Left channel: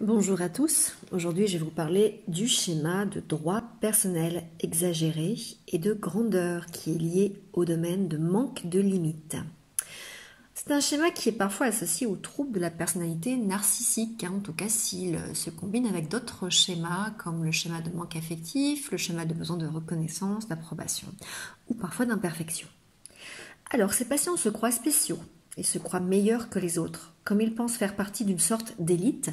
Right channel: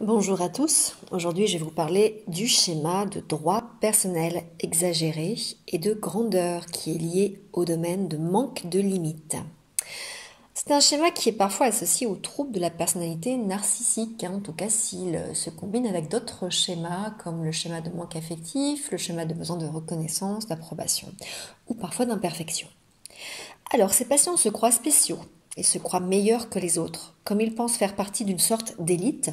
Bonjour à tous, aujourd'hui je vais vous parler du schéma de droit personnel exagéré et de grandeur qui est lié au domaine de manque de limites. C'est un schéma qui est parfois associé aux troubles de la personnalité narcissique, en tout cas s'il se combine avec d'autres schémas comme le schéma de manque affectif, le schéma de besoin de reconnaissance, d'approbation ou parfois d'imperfection. Alors ces patients se croient spéciaux et se croient meilleurs que les autres, comme ils pensent faire partie d'une sorte d'élite.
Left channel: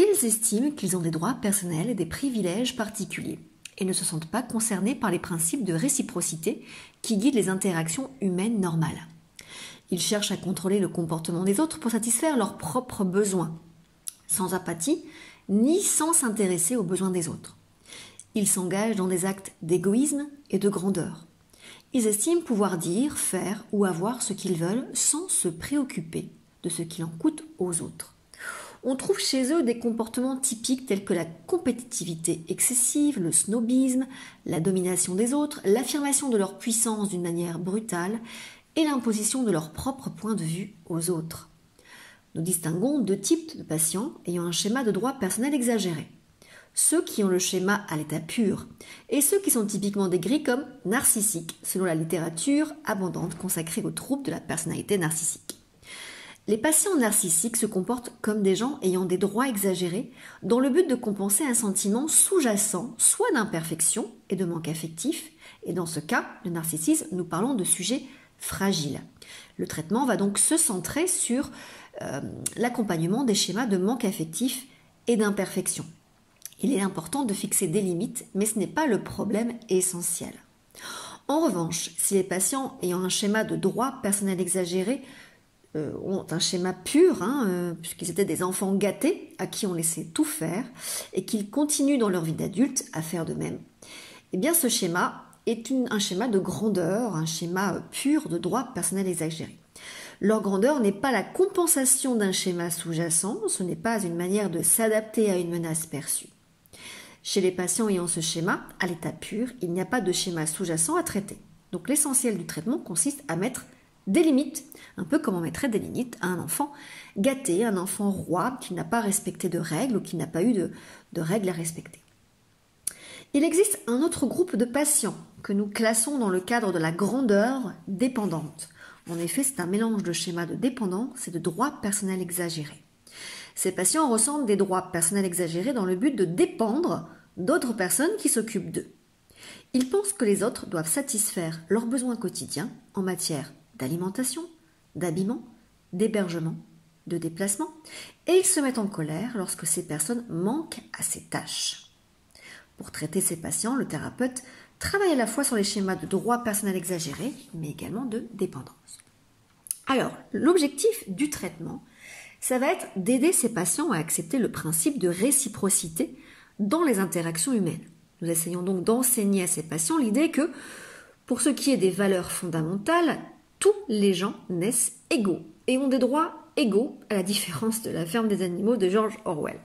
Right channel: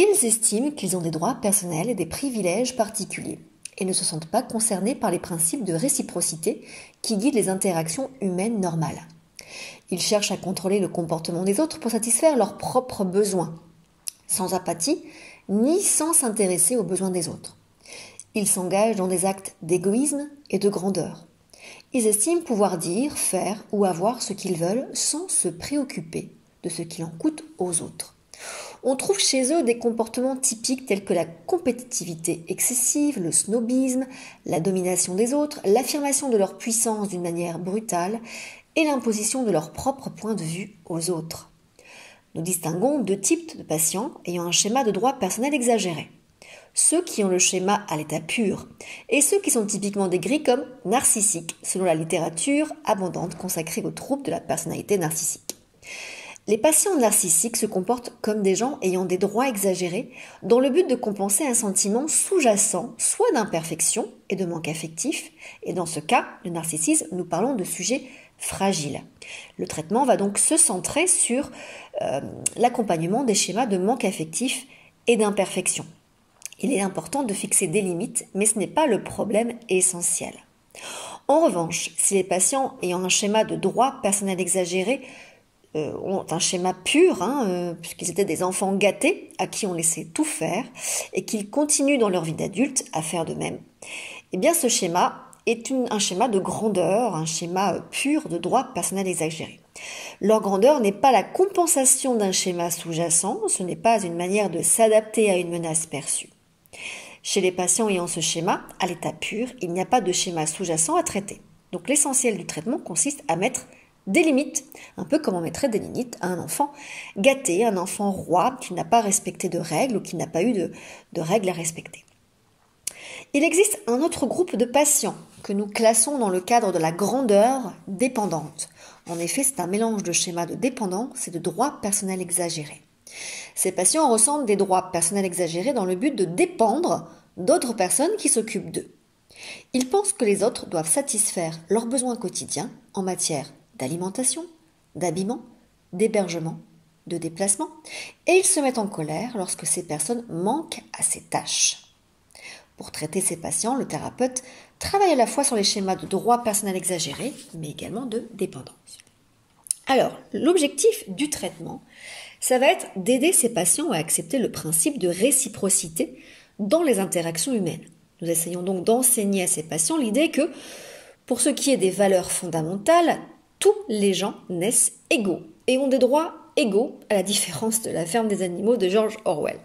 Ils estiment qu'ils ont des droits personnels et des privilèges particuliers et ne se sentent pas concernés par les principes de réciprocité qui guident les interactions humaines normales. Ils cherchent à contrôler le comportement des autres pour satisfaire leurs propres besoins, sans apathie ni sans s'intéresser aux besoins des autres. Ils s'engagent dans des actes d'égoïsme et de grandeur. Ils estiment pouvoir dire, faire ou avoir ce qu'ils veulent sans se préoccuper de ce qu'il en coûte aux autres. On trouve chez eux des comportements typiques tels que la compétitivité excessive, le snobisme, la domination des autres, l'affirmation de leur puissance d'une manière brutale et l'imposition de leur propre point de vue aux autres. Nous distinguons deux types de patients ayant un schéma de droit personnel exagéré. Ceux qui ont le schéma à l'état pur et ceux qui sont typiquement décrits comme narcissiques selon la littérature abondante consacrée aux troubles de la personnalité narcissique. Les patients narcissiques se comportent comme des gens ayant des droits exagérés dans le but de compenser un sentiment sous-jacent, soit d'imperfection et de manque affectif, et dans ce cas, le narcissisme, nous parlons de sujets fragiles. Le traitement va donc se centrer sur l'accompagnement des schémas de manque affectif et d'imperfection. Il est important de fixer des limites, mais ce n'est pas le problème essentiel. En revanche, si les patients ayant un schéma de droit personnel exagéré ont un schéma pur, puisqu'ils étaient des enfants gâtés à qui on laissait tout faire et qu'ils continuent dans leur vie d'adulte à faire de même, eh bien ce schéma est un schéma de grandeur, un schéma pur de droit personnel exagéré. Leur grandeur n'est pas la compensation d'un schéma sous-jacent, ce n'est pas une manière de s'adapter à une menace perçue. Chez les patients ayant ce schéma, à l'état pur, il n'y a pas de schéma sous-jacent à traiter. Donc l'essentiel du traitement consiste à mettre des limites, un peu comme on mettrait des limites à un enfant gâté, un enfant roi qui n'a pas respecté de règles ou qui n'a pas eu de règles à respecter. Il existe un autre groupe de patients que nous classons dans le cadre de la grandeur dépendante. En effet, c'est un mélange de schémas de dépendance et de droits personnels exagérés. Ces patients ressentent des droits personnels exagérés dans le but de dépendre d'autres personnes qui s'occupent d'eux. Ils pensent que les autres doivent satisfaire leurs besoins quotidiens en matière d'alimentation, d'habillement, d'hébergement, de déplacement, et ils se mettent en colère lorsque ces personnes manquent à ces tâches. Pour traiter ces patients, le thérapeute travaille à la fois sur les schémas de droit personnel exagéré, mais également de dépendance. Alors, l'objectif du traitement, ça va être d'aider ces patients à accepter le principe de réciprocité dans les interactions humaines. Nous essayons donc d'enseigner à ces patients l'idée que, pour ce qui est des valeurs fondamentales, tous les gens naissent égaux et ont des droits égaux, à la différence de La ferme des animaux de George Orwell.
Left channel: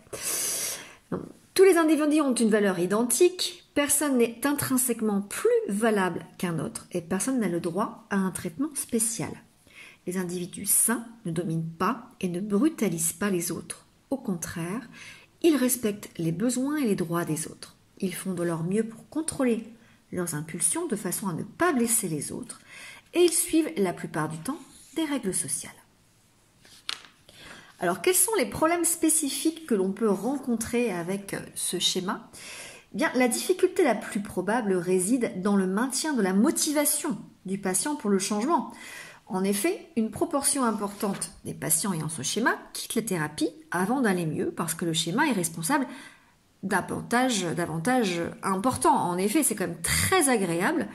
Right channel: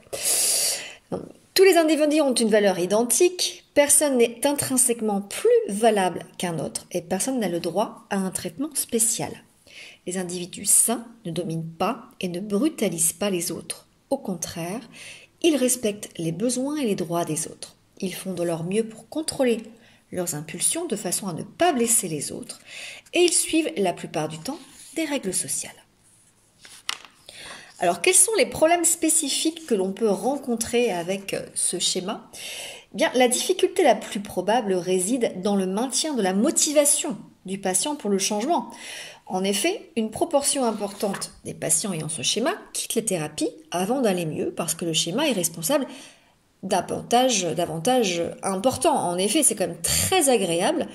Tous les individus ont une valeur identique, personne n'est intrinsèquement plus valable qu'un autre et personne n'a le droit à un traitement spécial. Les individus sains ne dominent pas et ne brutalisent pas les autres. Au contraire, ils respectent les besoins et les droits des autres. Ils font de leur mieux pour contrôler leurs impulsions de façon à ne pas blesser les autres et ils suivent la plupart du temps des règles sociales. Alors, quels sont les problèmes spécifiques que l'on peut rencontrer avec ce schéma ? Bien, la difficulté la plus probable réside dans le maintien de la motivation du patient pour le changement. En effet, une proportion importante des patients ayant ce schéma quittent les thérapies avant d'aller mieux parce que le schéma est responsable d'avantages importants. En effet, c'est quand même très agréable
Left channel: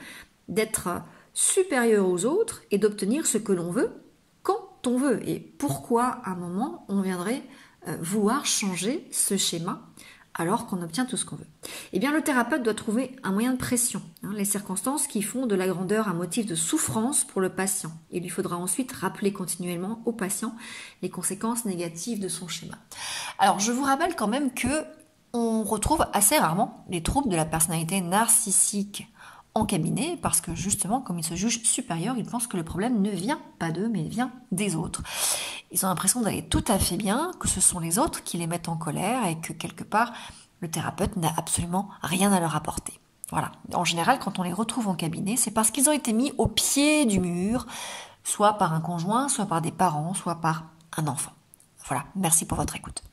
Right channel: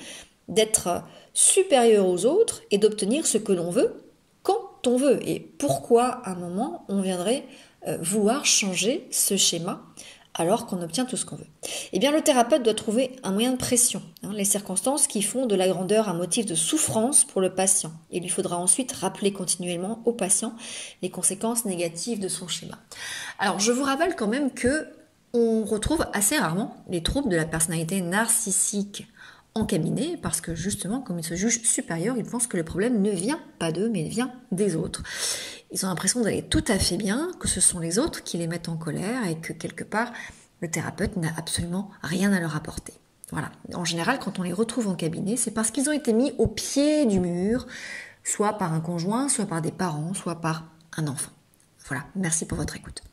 d'être supérieur aux autres et d'obtenir ce que l'on veut quand on veut. Et pourquoi à un moment on viendrait vouloir changer ce schéma alors qu'on obtient tout ce qu'on veut? Eh bien, le thérapeute doit trouver un moyen de pression, les circonstances qui font de la grandeur un motif de souffrance pour le patient. Il lui faudra ensuite rappeler continuellement au patient les conséquences négatives de son schéma. Alors, je vous rappelle quand même que on retrouve assez rarement les troubles de la personnalité narcissique en cabinet parce que justement, comme ils se jugent supérieurs, ils pensent que le problème ne vient pas d'eux, mais vient des autres. Ils ont l'impression d'aller tout à fait bien, que ce sont les autres qui les mettent en colère et que quelque part, le thérapeute n'a absolument rien à leur apporter. Voilà. En général, quand on les retrouve en cabinet, c'est parce qu'ils ont été mis au pied du mur, soit par un conjoint, soit par des parents, soit par un enfant. Voilà. Merci pour votre écoute.